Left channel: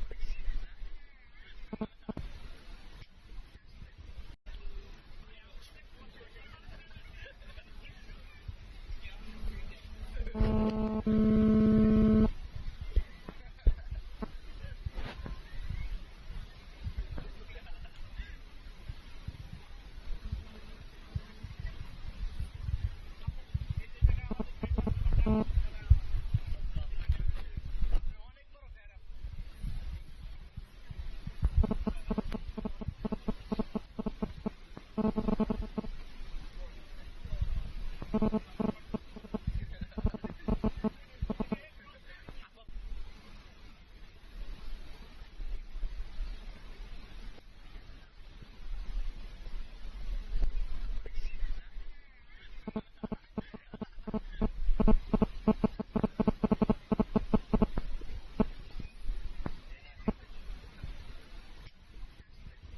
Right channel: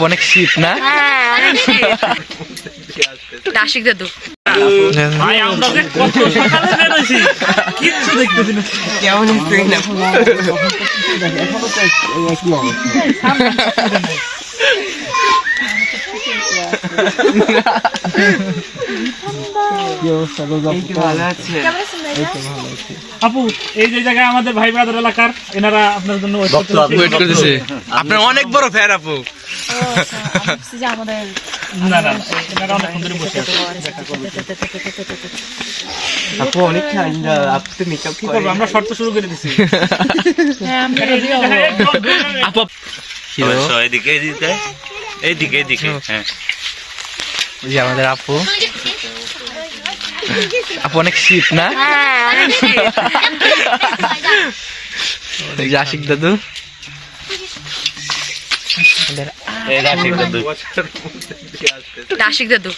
আপু অনেক শীত না? দাসিক দাদু আপু এই যে জায়গায় আমাদের ভাই ব্রাদার এলাকার এনারা আপনার জন্য আপনার অনেক বড় ফ্যান আপু। আপু অনেক হ্যাঁ হ্যাঁ আমাদের আপু আপু অনেক শীত না হ্যাঁ আশিক দাদু রাশিদ দাদু দাসিক দাদু